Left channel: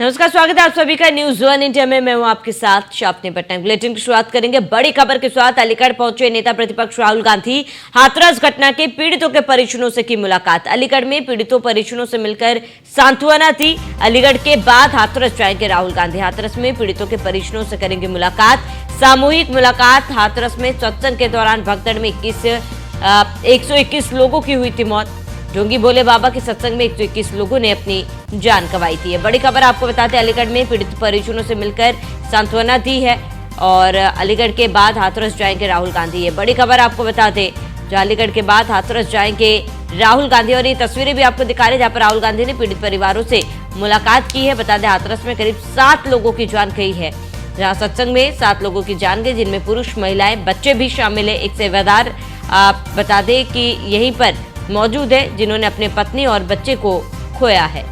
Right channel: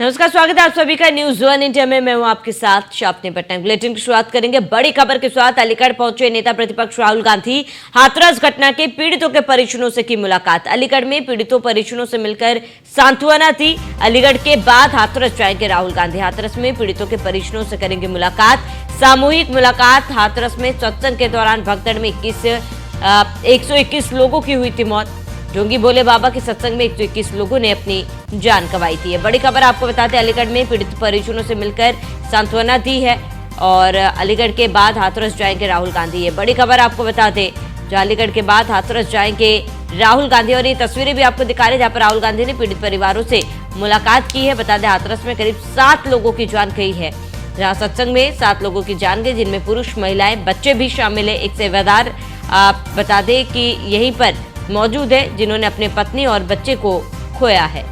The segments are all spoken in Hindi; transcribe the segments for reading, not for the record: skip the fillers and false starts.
नमस्कार, स्वागत है आप सभी का न्यूज वन इंडिया में। मैं हूं आपके साथ शापनी पटना। बुलेटिन की शुरुआत करेंगे बड़ी खबर के साथ। अलीगढ़ पहुंचे नेता प्रतिपक्ष राहुल गांधी। हाथरस घटना के पीड़ितों के परिजनों से की मुलाकात। अलीगढ़ में पीड़ितों परिजनों से मिलकर सांत्वना थी। अलीगढ़ के बाद हाथरस जाएंगे राहुल गांधी। हाथरस में पीड़ितों के परिजनों से करेंगे मुलाकात, सामूहिक मुलाकात। हाथरस में सत्संग के दौरान भगदड़ में 121 लोगों की हुई थी मौत। ढोंगी भोले बाबा के सत्संग में 121 लोगों ने अपनी जान गंवाई थी। बड़ी खबर आपको बताते हैं, अलीगढ़ में पीड़ित परिजनों से मिलकर सांत्वना दी है और अलीगढ़ के बाद हाथरस जाएंगे राहुल गांधी। ये बड़ी खबर आपको बताते, जहां अलीगढ़ के बाद हाथरस जाएंगे राहुल गांधी। और ये तस्वीरें भी आपको दिखा रहे हैं जहां पर राहुल गांधी ने पीड़ित परिवारों से मुलाकात की है। बता दें, हाथरस में करीब 7 लोगों की जान गई है, जहां सत्संग में 7 लोगों की जान गई, जिनमें पुरुष, महिलाएं, बच्चे भी शामिल है। एक सेवादार बता दें कि यहीं पर मौजूद है जिन्होंने अपने पत्नी और बच्चे को खोया है।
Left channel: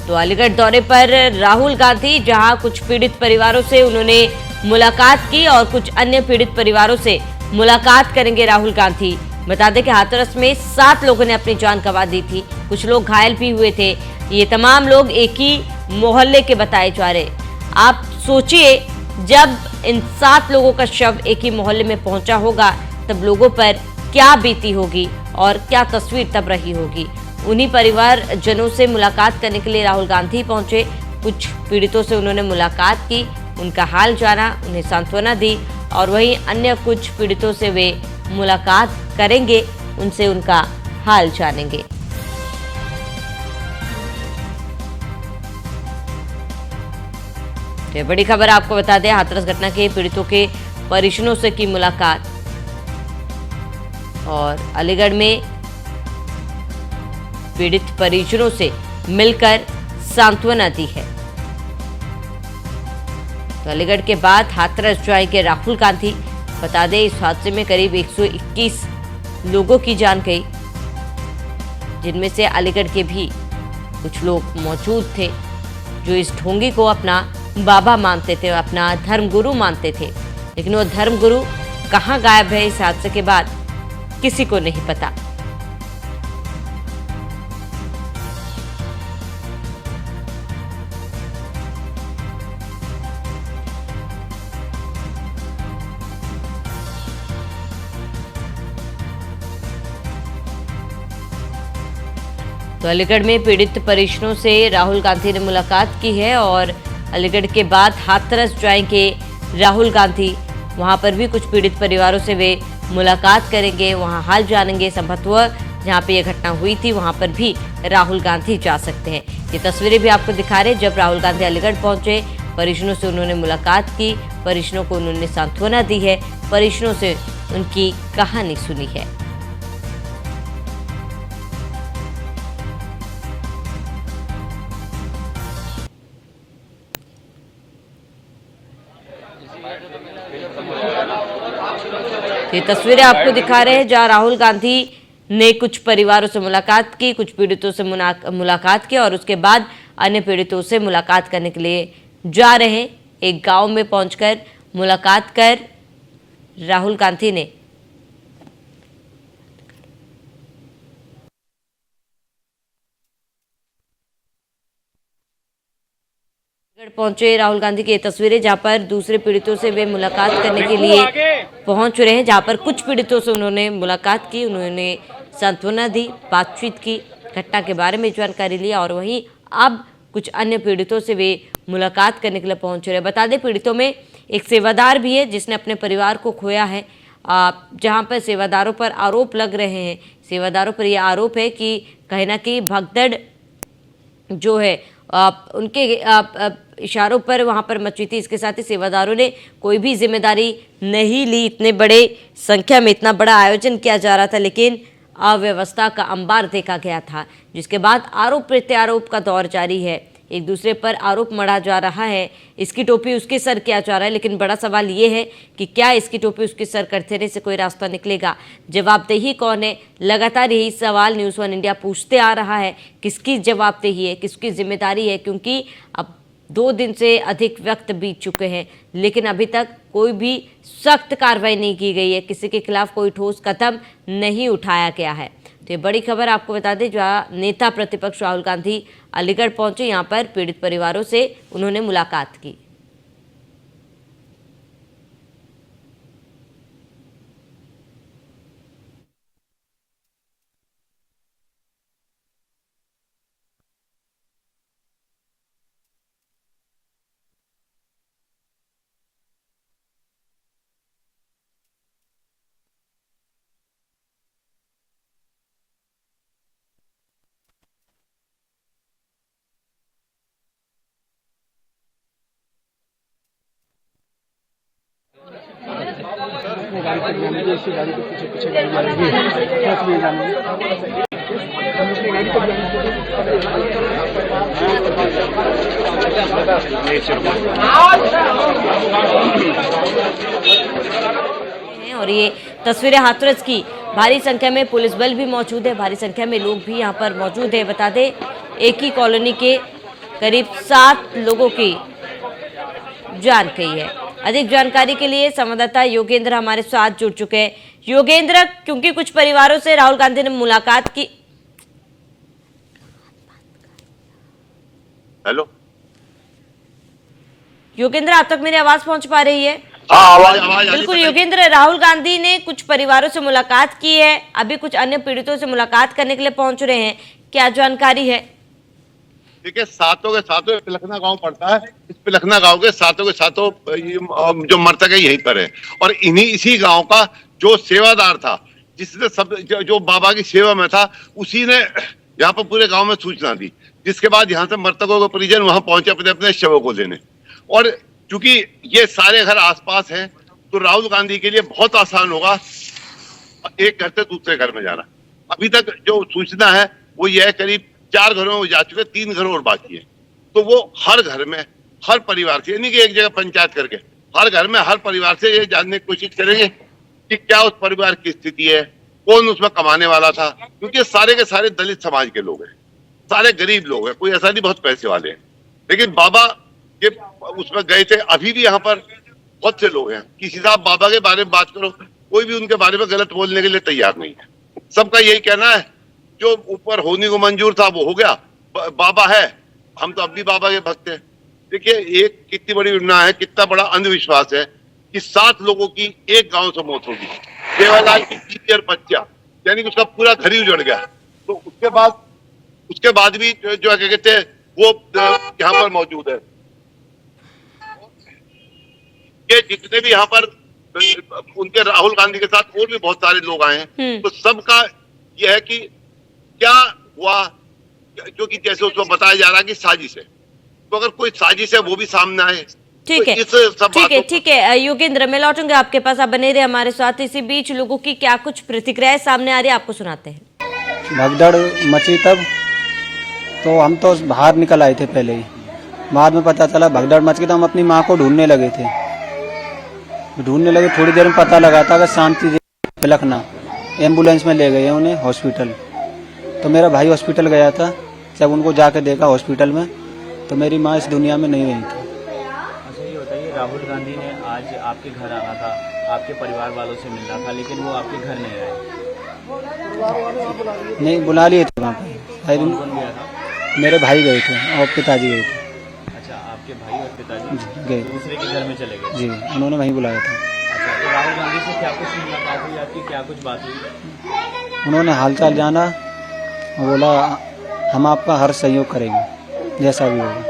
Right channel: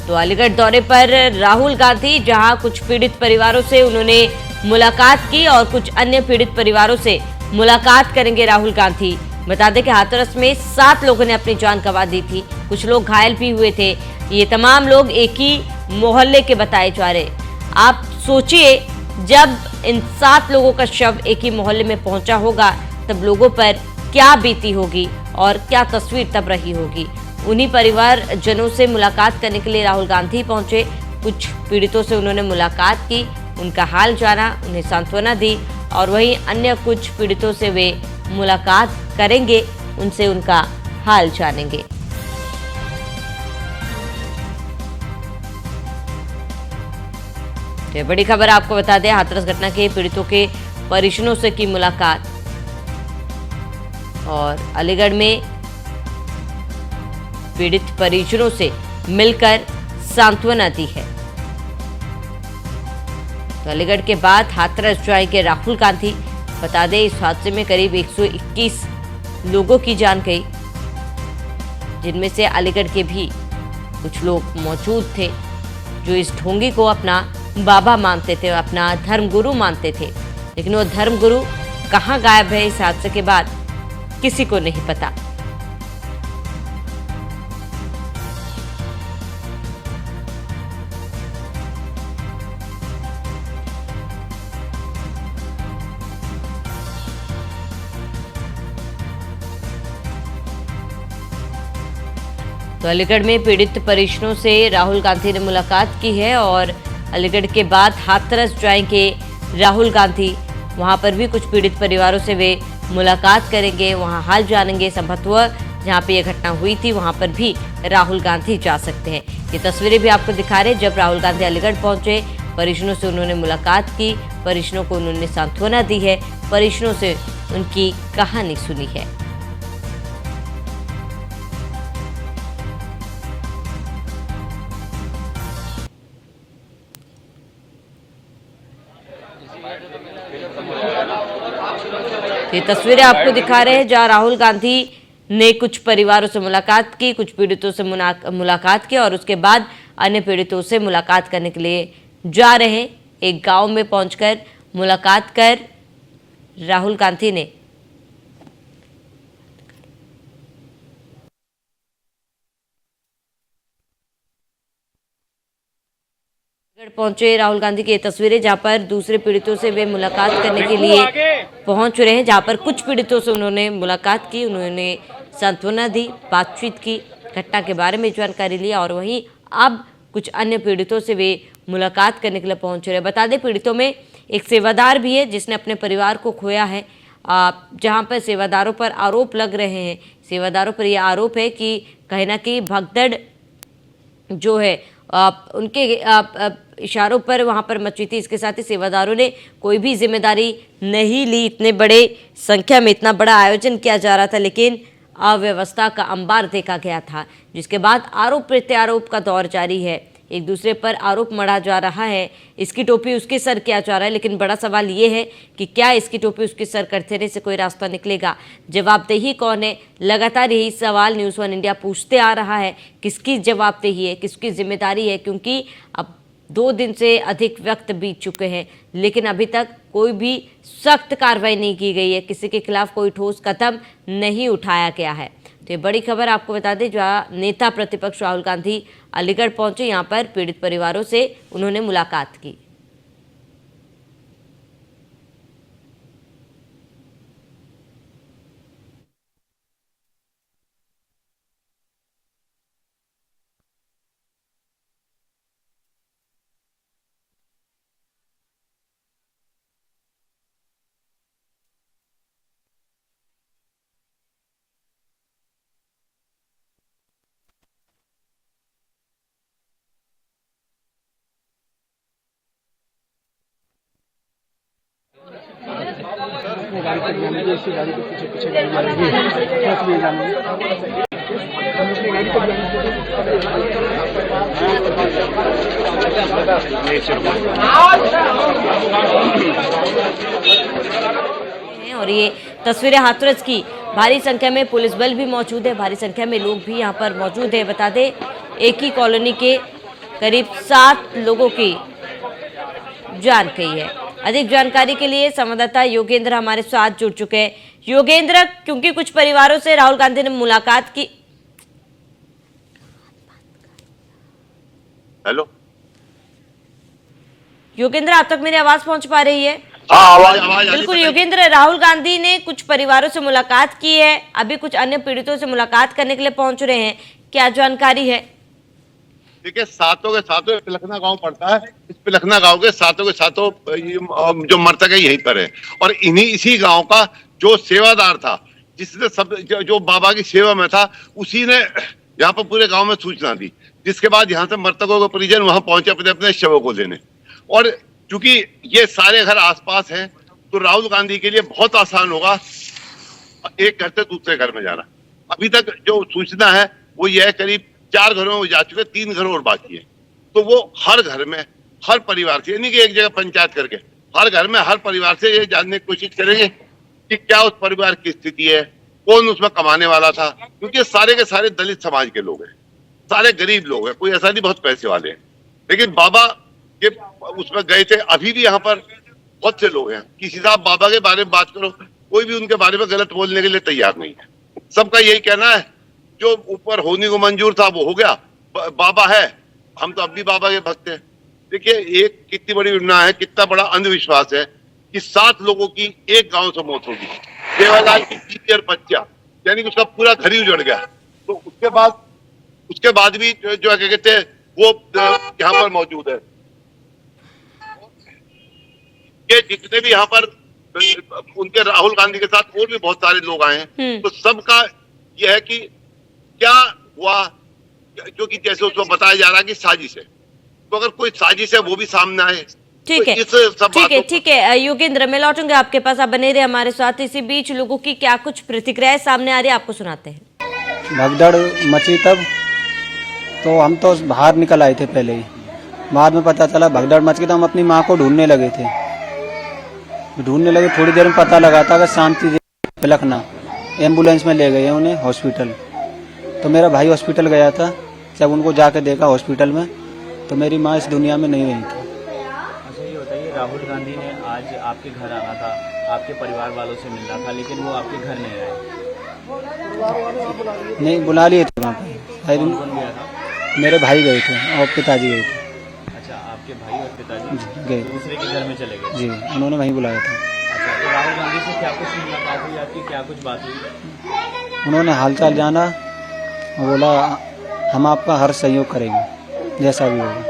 तो अलीगढ़ दौरे पर राहुल गांधी, जहां कुछ पीड़ित परिवारों से उन्होंने मुलाकात की और कुछ अन्य पीड़ित परिवारों से मुलाकात करेंगे राहुल गांधी। बता दें कि हाथरस में 7 लोगों ने अपनी जान गंवा दी थी, कुछ लोग घायल भी हुए थे। ये तमाम लोग एक ही मोहल्ले के बताए जा रहे। आप सोचिए, जब इन 7 लोगों का शव एक ही मोहल्ले में पहुंचा होगा तब लोगों पर क्या बीती होगी और क्या तस्वीर तब रही होगी। उन्हीं परिवार जनों से मुलाकात करने के लिए राहुल गांधी पहुंचे। कुछ पीड़ितों से उन्होंने मुलाकात की, उनका हाल जाना, उन्हें सांत्वना दी और वहीं अन्य कुछ पीड़ितों से वे मुलाकात करेंगे, उनसे उनका हाल जानेंगे। तो बड़ी खबर आपको बता दें, हाथरस घटना के पीड़ितों के परिजनों से की मुलाकात और अलीगढ़ में पीड़ित परिजनों से मिलकर सांत्वना दी है। तो अलीगढ़ के बाद हाथरस जाएंगे राहुल गांधी। बता दें, इस हादसे में करीब 121 लोगों की जान गई, जिनमें से अलीगढ़ के भी कुछ लोग मौजूद थे जो इस ढोंगी को अपना बाबा मानते थे, अपना धर्मगुरु मानते थे। लेकिन वो धर्मगुरु कहां गायब है इस हादसे के बाद, किसी को नहीं पता। तो अलीगढ़ में पीड़ित परिजनों से राहुल गांधी ने मुलाकात की है और अलीगढ़ के बाद हाथरस जाएंगे राहुल गांधी। वहां पर भी कुछ पीड़ित परिवारों से वे मुलाकात करेंगे, वहां हाल जानेंगे। संभवतः जहां पे यह घटना हुई थी वहां पर भी राहुल गांधी जा सकते हैं। ये तस्वीरें भी आपको दिखा रहे हैं, जब राहुल गांधी अलीगढ़ पहुंचे, परिजनों से उन्होंने मुलाकात की, परिजनों को उन्होंने सांत्वना दी है, परिजनों से उनकी कहानी सुनी है। ये तस्वीरें आपको दिखा रहे हैं जहां राहुल गांधी ने कुछ परिवारों से मुलाकात की, कुछ पीड़ितों से मुलाकात की और उसके बाद अन्य पीड़ितों से मुलाकात करने के लिए जा रहे। एक गांव में पहुंचकर मुलाकात कर राहुल गांधी ने पहुंचे राहुल गांधी की ये तस्वीरें, जहां पर दूसरे पीड़ितों से वे मुलाकात करने के लिए पहुंच रहे हैं। जहां पर कुछ पीड़ितों से उन्होंने मुलाकात की, उन्होंने सांत्वना दी, बातचीत की, घटना के बारे में जानकारी लिया और वहीं अब कुछ अन्य पीड़ितों से वे मुलाकात करने के लिए पहुंच रहे हैं। बता दें, पीड़ितों में एक सेवादार भी है जिसने अपने परिवार को खोया है। जहाँ पर सेवादारों पर आरोप लग रहे हैं, सेवादारों पर यह आरोप है कि कहीं ना कहीं भगदड़ जो है उनके इशारों पर वहां पर मची थी। इसके साथ ही सेवादारों ने कोई भी जिम्मेदारी नहीं ली। इतने बड़े संख्या में इतना बड़ा आयोजन किया जा रहा था, लेकिन अव्यवस्था का अंबार देखा गया था, जिसके बाद आरोप प्रत्यारोप का दौर जारी है। एक दूसरे पर आरोप मढ़ा जा रहा है, इसकी टोपी उसके सर किया जा रहा है। लेकिन बड़ा सवाल ये है कि क्या इसकी टोपी उसके सर करने से कोई रास्ता निकलेगा? जवाबदेही कौन है? लगातार यही सवाल न्यूज़ वन इंडिया पूछते आ रहा है, किसकी जवाबदेही है, किसकी जिम्मेदारी है? क्योंकि अब 2 दिन से अधिक वक्त बीत चुके हैं, लेकिन अभी तक कोई भी सख्त कार्रवाई नहीं की गई है, किसी के खिलाफ कोई ठोस कदम नहीं उठाया गया है। तो ये बड़ी खबर आपको बता दें, जहां नेता प्रतिपक्ष राहुल गांधी अलीगढ़ पहुंचे, यहां पर पीड़ित परिवारों से उन्होंने मुलाकात की। गाड़ी के पीछे पीछे गाड़ी जा रही है। और ये तस्वीरें हाथरस की, भारी संख्या में पुलिस बल भी मौजूद है, भारी संख्या में लोग भी यहाँ पर मौजूद है। बता दें, एक ही कॉलोनी के करीब 7 लोगों की जान गई है। अधिक जानकारी के लिए संवाददाता योगेंद्र हमारे साथ जुड़ चुके हैं। योगेंद्र, क्योंकि कुछ परिवारों से राहुल गांधी ने मुलाकात की। हेलो योगेंद्र, आप तक मेरी आवाज पहुंच पा रही है? हाँ, आवाज बिल्कुल योगेंद्र, राहुल गांधी ने कुछ परिवारों से मुलाकात की है, अभी कुछ अन्य पीड़ितों से मुलाकात करने के लिए पहुंच रहे हैं, क्या जानकारी है? देखिए, सातों के सातों पिलखना गांव पड़ता है। इस पिलखना गांव के सातों जो मृतक है यहीं पर है, और इसी गांव का जो सेवादार था, जिसने सब जो बाबा की सेवा में था, उसी ने यहाँ पर पूरे गांव में सूचना दी, जिसके बाद यहाँ से मृतकों के परिजन वहां पहुंचे अपने अपने शवों को लेने। और चूंकि ये सारे घर आसपास हैं, तो राहुल गांधी के लिए बहुत आसान होगा एक घर से दूसरे घर में जाना। अभी तक जो सूचना है वो ये है, करीब 4 घरों में जा चुके, 3 घर और बाकी है। तो वो हर घर में, हर परिवार से, यानी कि एक जगह पंचायत करके हर घर में, हर परिवार से ये जानने की कोशिश करेंगे कि क्या उस परिवार की स्थिति है, कौन उसमें कमाने वाला था, क्योंकि सारे के सारे दलित समाज के लोग हैं, सारे गरीब लोग हैं, कोई ऐसा नहीं बहुत पैसे वाले हैं। लेकिन बाबा के उसमें गए थे। अभी भी यहाँ पर बहुत से लोग हैं, किसी साहब बाबा के बारे में बात करो, कोई भी उनके बारे में गलत बोलने के लिए तैयार नहीं है। सबका यही कहना है, जो ऊपर होने को मंजूर था वो हो गया, बाबा है, हम तो अब भी बाबा के भक्त हैं। देखिए, एक कितनी बड़ी घटना है, कितना बड़ा अंधविश्वास है कि 7 लोगों की एक गांव से मौत होगी। देवालाल की बीवी और बच्चा, यानी कि उसका पूरा घर ही उजड़ गया। तो उसके बाद भी जो क्या कहते हैं वो यहाँ पर मौजूद है। ये जितने भी यहाँ पर उनके राहुल गांधी के साथ और भी बहुत सारे लोग आए हैं, तो सबका यह है कि क्या हुआ, क्योंकि जैसे उसमें बताया जा रहा है कि साजिश है, तो अगर कोई साजिश है वो भी सामने आए। ठीक है, ठीक है योगेंद्र, मैं लौटूंगा आपके पास, आप बने रहे हमारे साथ। इसी बीच लोगों की क्या कुछ प्रतिक्रियाएं सामने आ रही है, आपको सुनाते हैं। भगदड़ मची तब तो हम तो बाहर निकल आए थे पहले ही, बाद में पता चला भगदड़ मच गई, तो हम अपनी माँ को ढूंढने लगे थे। थोड़ी देर में पता लगा था कि शांति पिलखना एम्बुलेंस में ले गए उन्हें हॉस्पिटल। तो मेरा भाई हॉस्पिटल गया था, जब उनको जाके देखा हॉस्पिटल में, तो मेरी माँ इस दुनिया में नहीं रही थी। अच्छा, ये बताइए, राहुल गांधी ने आज आपके घर आना था, आपके परिवार वालों से मिलना था, लेकिन वो आपके घर नहीं आए? नहीं, बुला लिए थे वहाँ पर। कौन गया था? मेरे भाई गए थे और पिताजी गए थे। अच्छा, आपके भाई और पिताजी गए, दूसरे के घर में चले गए? जी, उन्होंने वहीं बुलाया था। अच्छा, तो राहुल गांधी से क्या कुछ मुलाकात हुई आपकी, क्या कुछ बात हुई? उन्होंने हालचाल जाना और बोला हम आपका हर सहयोग करेंगे जैसा भी होगा।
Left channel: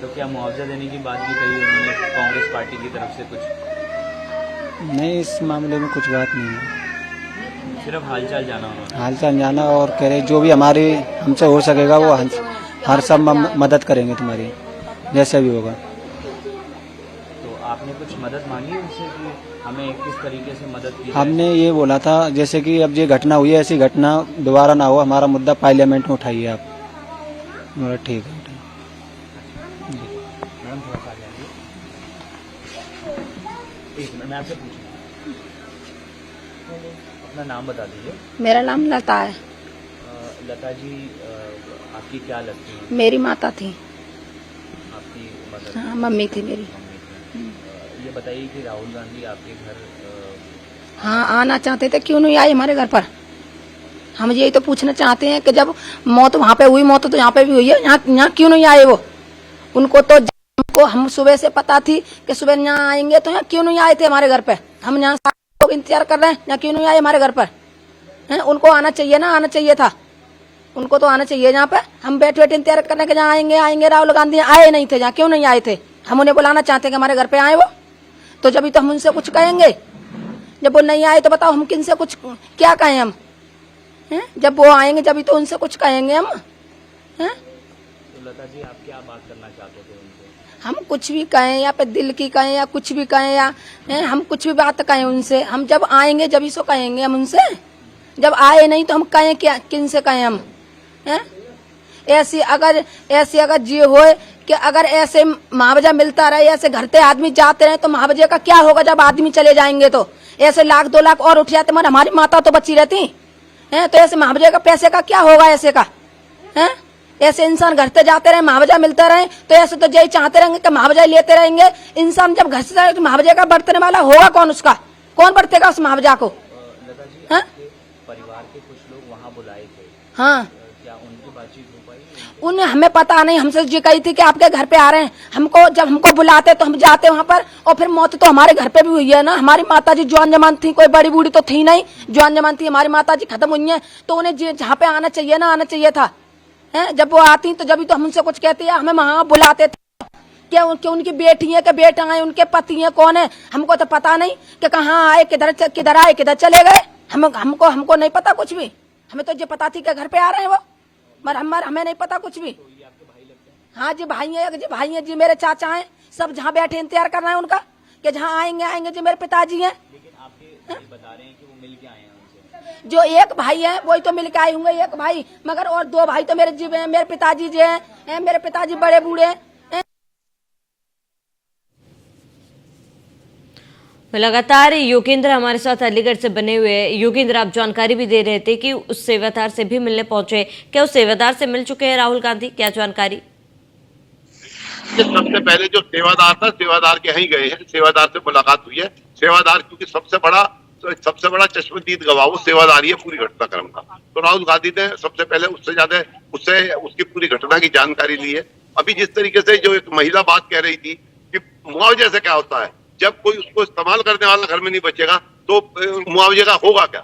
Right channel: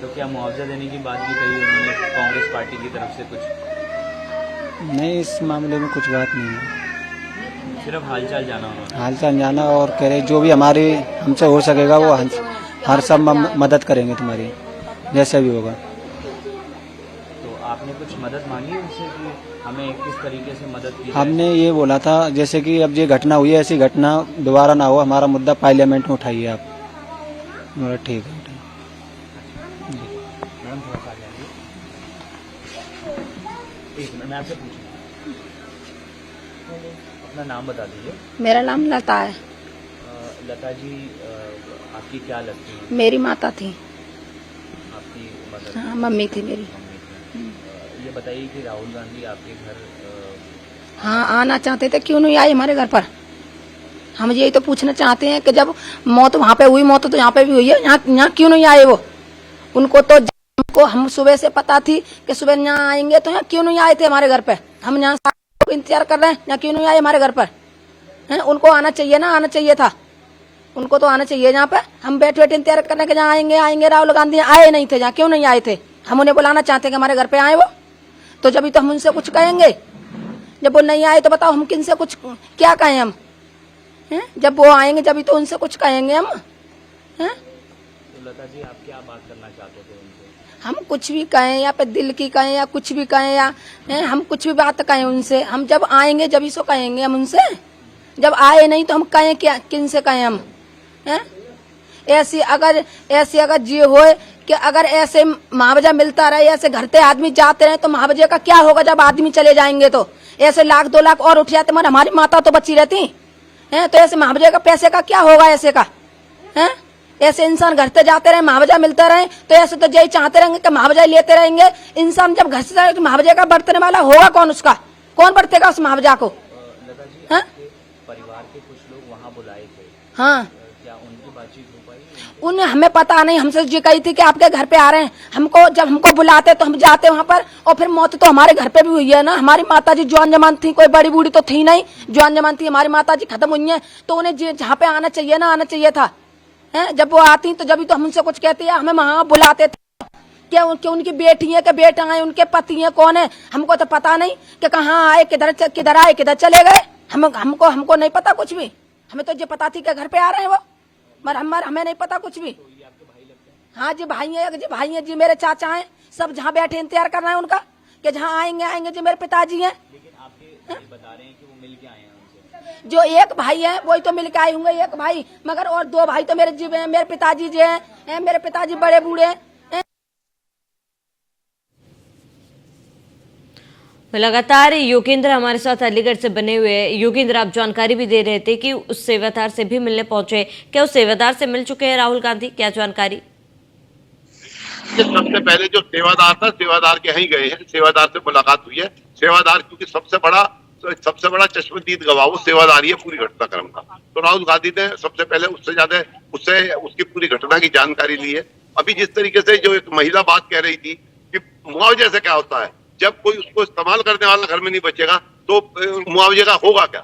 तो क्या मुआवजा देने की बात भी कही उन्होंने कांग्रेस पार्टी की तरफ से कुछ? नहीं, इस मामले में कुछ बात नहीं है, सिर्फ हालचाल जाना उन्होंने? हालचाल जाना, और कह रहे जो भी हमारे हमसे हो सकेगा वो हर सब मदद करेंगे तुम्हारी, जैसा भी होगा। तो आपने कुछ मदद मांगी उनसे कि हमें किस तरीके से मदद की? हमने ये बोला था, जैसे कि अब ये घटना हुई है, ऐसी घटना दोबारा ना हो, हमारा मुद्दा पार्लियामेंट में उठाइए आप। बोला ठीक है। मैडम थोड़ा सा आगे, एक मिनट मैं आपसे पूछूंगा, अपना नाम बता दीजिए। मेरा नाम लता है। लता जी, आपकी क्या लगती है? मेरी माता थी। आपकी मदर? हाँ, मम्मी थी मेरी। ये बताइए कि राहुल गांधी आपके घर हाँ, आना चाहते थे, क्यों नहीं आए हमारे घर पर? हम यही तो पूछना चाहते हैं कि जब मौत वहाँ पे हुई, मौत तो यहाँ पे भी हुई है, यहाँ क्यों नहीं आए वो? उनको तो हमको हम सुबह से पता थी कि सुबह यहाँ आएंगे, तो यहाँ क्यों नहीं आए थे हमारे घर पे? हम यहाँ लोग इंतजार कर रहे हैं, यहाँ क्यों नहीं आए हमारे घर पर? हैं, उनको आना चाहिए ना, आना चाहिए था, उनको तो आना चाहिए। यहाँ पे हम बैठे बैठे इंतजार करने के जहाँ आएंगे आएंगे, राहुल गांधी आए नहीं थे, जहाँ क्यों नहीं आए थे? हम उन्हें बुलाना चाहते हैं कि हमारे घर पे आए वो, तो जब तो हम उनसे कुछ कहेंगे। जब वो नहीं आए तो बताओ हम किनसे कुछ क्या कहें हम? हैं, जब वो आएंगे जब तो उनसे कुछ कहेंगे हम। हैं, तो लता जी आप क्या बात करना चाहते थे उनसे? हम कुछ भी कहें या पे दिल की कहें या कुछ भी कहें, या हम कुछ भी बात कहें उनसे, हम जब आएंगे जब सो कहेंगे हम उनसे। जब आए नहीं तो हम कहें क्या, किन से कहें हम? हैं, ऐसी अगर जी हो कि अगर ऐसे मुआवजा मिलता रहे, ऐसे घर से आदमी जाते रहे, तो मुआवजे का क्या होगा? जब आदमी चले जाएंगे तो ऐसे 1 लाख 2 लाख और उठ जाते, मगर हमारी माता तो बची रहती हैं, तो ऐसे मुआवजे का पैसे का क्या होगा ऐसे का? हैं, ऐसे इंसान घर से जाते रहे, मुआवजा मिलते रहे, तो ऐसे तो यही चाहते रहेंगे कि मुआवजा लेते रहेंगे। इंसान जब घर से जाए तो मुआवजे का बरतने वाला होगा कौन? उसका कौन बरतेगा उस मुआवजा को? लता जी हैं? परिवार के कुछ लोग वहाँ बुलाए थे, हाँ, क्या उनकी बातचीत हो पाई? उन्हें हमें पता नहीं, हमसे ये कही थी कि आपके घर पे आ रहे हैं। हमको जब हमको बुलाते तो हम जाते वहाँ पर, और फिर मौत तो हमारे घर पे भी हुई है ना। हमारी माता जी जवान जमान थी, कोई बड़ी बूढ़ी तो थी नहीं, जवान जमान थी। हमारी माता जी खत्म हुई हैं, तो उन्हें जहाँ पे आना चाहिए ना, आना चाहिए था। हैं, जब वो आती तो जब तो हम उनसे कुछ कहती है, हमें वहाँ बुलाते थे। क्या उनकी बेटी है कि बेटा है, उनके पति है, कौन है? हमको तो पता नहीं कि कहाँ आए, किधर आए, किधर चले गए। हमको नहीं पता कुछ भी। हमें तो ये पता थी कि घर पे आ रहे हैं वो, मगर हमें नहीं पता कुछ भी। हाँ जी, भाई है जी, मेरे चाचा हैं, सब जहाँ बैठे इंतजार कर रहे हैं उनका कि जहाँ आएंगे जी, मेरे पिताजी हैं। लेकिन आपके बता रहे हैं कि वो मिल के आए हैं उनसे। जो एक भाई है वही तो मिल के आए होंगे, एक भाई, मगर और 2 भाई तो मेरे जीव हैं, मेरे पिताजी जो हैं, मेरे पिताजी बड़े बूढ़े हैं। लगातार योगेंद्र हमारे साथ अलीगढ़ से बने हुए हैं। योगेंद्र, आप जानकारी भी दे रहे थे कि उस सेवादार से भी मिलने पहुंचे, क्या उस सेवादार से मिल चुके हैं राहुल गांधी? क्या जानकारी? सबसे पहले जो सेवादार था, सेवादार के यहीं गए हैं, सेवादार से मुलाकात हुई है। सेवादार क्योंकि सबसे बड़ा चश्मदीद गवाह वो सेवादार ही है पूरी घटनाक्रम का। तो राहुल गांधी ने सबसे पहले उससे उसकी पूरी घटना की जानकारी ली है। अभी जिस तरीके से जो एक महिला बात कह रही थी कि मुआवजे से क्या होता है, जब कोई उसको इस्तेमाल करने वाला घर में नहीं बचेगा तो मुआवजे का होगा क्या?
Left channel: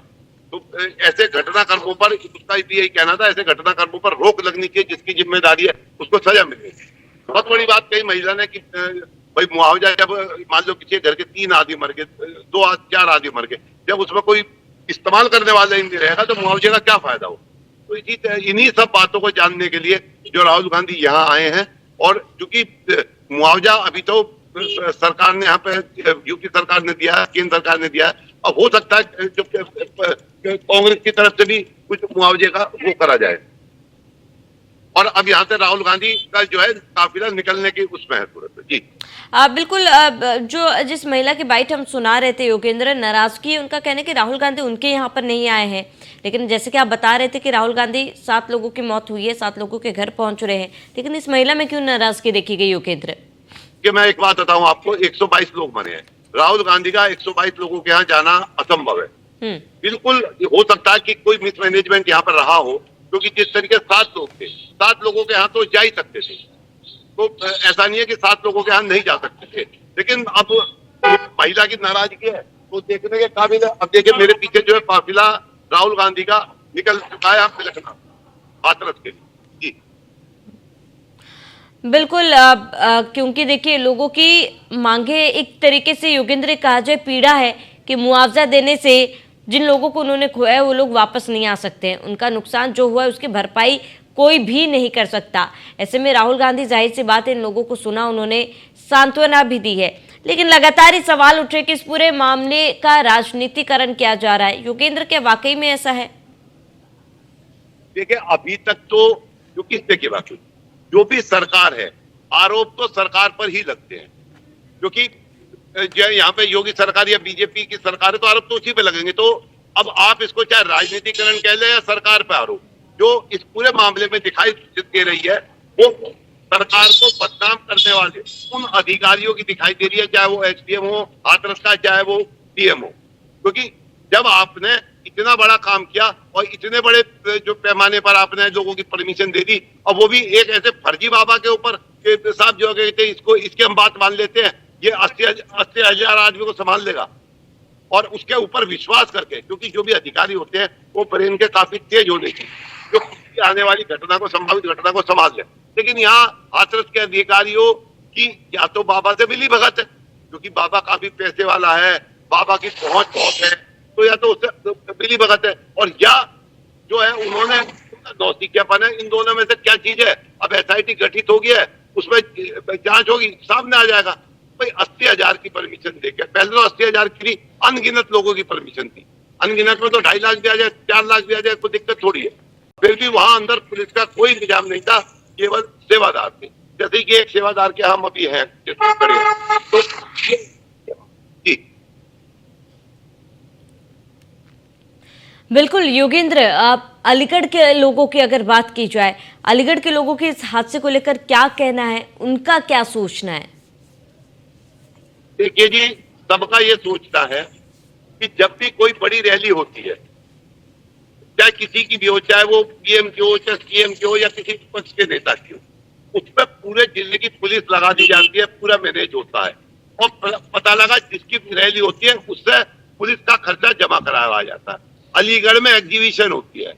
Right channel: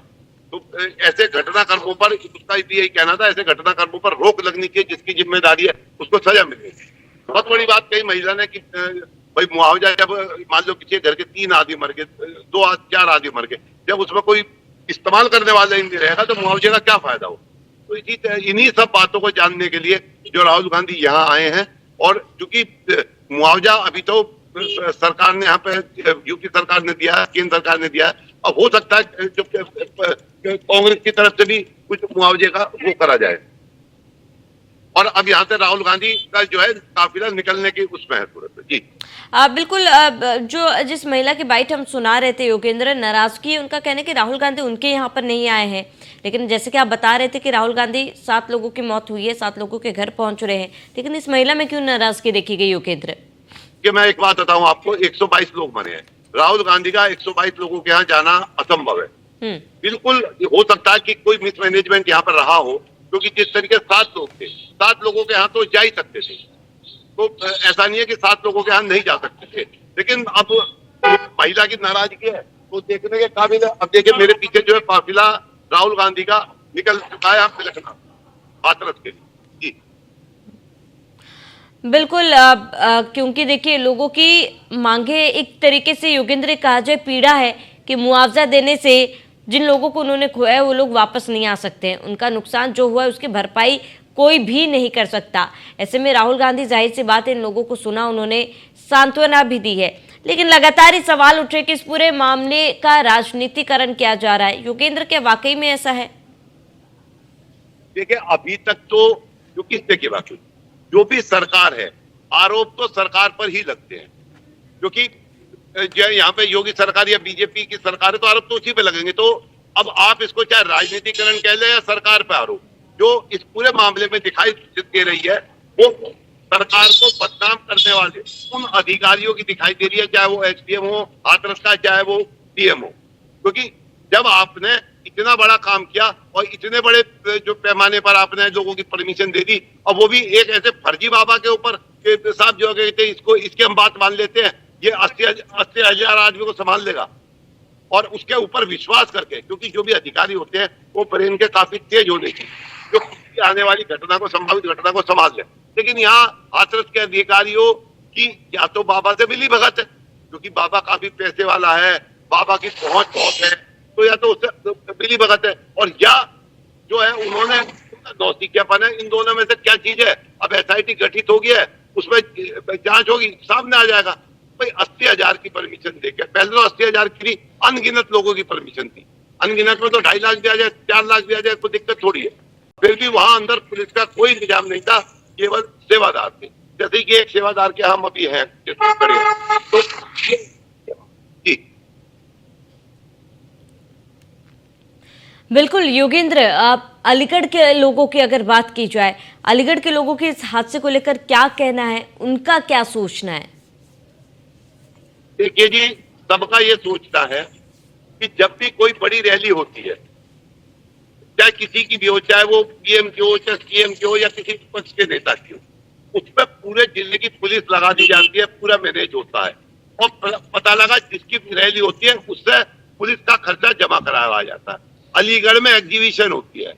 तो ऐसे घटनाक्रमों पर उसका यही कहना था, ऐसे घटनाक्रमों पर रोक लगनी चाहिए, जिसकी जिम्मेदारी है उसको सजा मिलेगी। बहुत बड़ी बात कही महिला ने कि भाई मुआवजा, जब मान लो किसी घर के 3 आदमी मर गए, 4 आदमी मर गए, जब उसमें कोई इस्तेमाल करने वाला ही नहीं रहेगा तो मुआवजे का क्या फायदा हो? तो इन्हीं सब बातों को जानने के लिए जो राहुल गांधी यहाँ आए हैं। और चूंकि मुआवजा अभी तो सरकार ने यहाँ पे यूपी सरकार ने दिया, केंद्र सरकार ने दिया, अब हो सकता है जो कांग्रेस की तरफ से भी कुछ मुआवजे का वो करा जाए। और अब यहाँ से राहुल गांधी का जो है काफिला निकलने की उसमें है तुरंत। जी बिल्कुल। जो जिस महिला की बाइट हम सुना रहे थे योगेंद्र, नाराजगी है उनका, कहने कि राहुल गांधी उनके यहाँ पर नहीं आए हैं। लेकिन जैसे कि आप बता रहे थे कि राहुल गांधी 7 लोगों की मौत हुई है, 7 लोगों के घर पहुंच रहे हैं, लेकिन इस महिला में क्यों नाराजगी देखी गई योगेंद्र? कि मैं एक बात बताऊं आपको, 122 लोग मरे हैं। राहुल गांधी का 122 लोगों के यहाँ जाना असंभव है। बिल्कुल हो सकता है कि कोई मिसमैनेजमेंट यहाँ पर रहा हो, क्योंकि जिस तरीके 7 लोग थे, 7 लोगों के यहाँ तो जा ही सकते थे। तो ऐसा नहीं है कि 7 लोगों के यहाँ नहीं जा सकते थे। लेकिन अब महिला की नाराजगी है तो देखने के काबिल है। अब देखिए मेरे पीछे जो है काफिला राहुल गांधी का निकल चुका है यहाँ तिलकना हाथरस के लिए। जी बिल्कुल। क्योंकि देखिए लोगों की मांगे एक तरीके से योगेंद्र कहा जाए पीड़ा है कि मुआवजा देने से जिन लोगों को उन्होंने खोया है वो लोग वापस नहीं आ सकते हैं। उनका नुकसान जो हुआ है उसकी भरपाई कोई भी नहीं कर सकता। ऐसे में राहुल गांधी जाहिर सी बात है इन लोगों को सुना, उन्होंने सांत्वना भी दी है। लेकिन लगातार ही सवाल उठे कि इस पूरे मामले का राजनीतिकरण किया जा रहा है। योगेंद्र, क्या वाकई में ऐसा है? देखिए अभी तक तो जो किसने की बात, जो भी सरकार है, आरोप तो सरकार पर ही लगते हैं, क्योंकि यहाँ पे योगी सरकार या बीजेपी की सरकार है तो आरोप तो उसी पे लगेंगे। तो अब आप इसको चाहे राजनीतिकरण कह ले या सरकार पे आरोप, जो इस पूरे मामले में दिखाई दे रही है वो सरकार को बदनाम करने वाले उन अधिकारियों की दिखाई दे रही है, चाहे वो एसडीएम हो हाथरस का, चाहे वो डीएम हो। क्योंकि जब आपने इतना बड़ा काम किया और इतने बड़े जो पैमाने पर आपने लोगों की परमिशन दे दी, और वो भी एक ऐसे फर्जी बाबा के ऊपर कि साहब जो कहते हैं इसको इसकी हम बात मान लेते हैं, ये 80,000 आदमी को संभाल लेगा, और उसके ऊपर विश्वास करके, क्योंकि जो भी अधिकारी होते हैं वो ब्रेन के काफी तेज होने चाहिए, जो आने वाली घटना को, संभावित घटना को संभाल ले। लेकिन यहाँ हाथरस के अधिकारियों की या तो बाबा से मिली भगत है, क्योंकि बाबा काफी पैसे वाला है, बाबा की पहुंच बहुत है, तो या तो उससे मिली भगत है, और या जो है उन्होंने नौसिखियापन है। इन दोनों में से क्या चीज है? अब SIT गठित हो गया है, उसमें जांच होगी, सामने आ जाएगा। भाई 80,000 की परमिशन देके, पहले तो 80,000 की अनगिनत लोगों की परमिशन थी, अनगिनत में तो 2.5 लाख दिया जाए, 4 लाख दिया जाए, कोई दिक्कत थोड़ी है। फिर भी वहां अंदर पुलिस का कोई इंतजाम नहीं था, केवल सेवादार थे, जैसे कि एक सेवादार के हम अभी हैं तो जी। बिल्कुल योगेंद्र, आप अलीगढ़ के लोगों की अगर बात की जाए, अलीगढ़ के लोगों के इस हादसे को लेकर क्या कहना है, उनका क्या सोचना है? देखिए जी, सबका ये सोचना है कि जब भी कोई बड़ी रैली होती है, चाहे किसी की भी हो, चाहे वो PM की हो, चाहे CM की हो, या किसी विपक्ष के नेता की हो, उसमें पूरे जिले की पुलिस लगा दी जाती है, पूरा मैनेज होता है, और पता लगा जिसकी रैली होती है उससे पुलिस का खर्चा जमा कराया जाता है। अलीगढ़ में एग्जीबिशन होती है,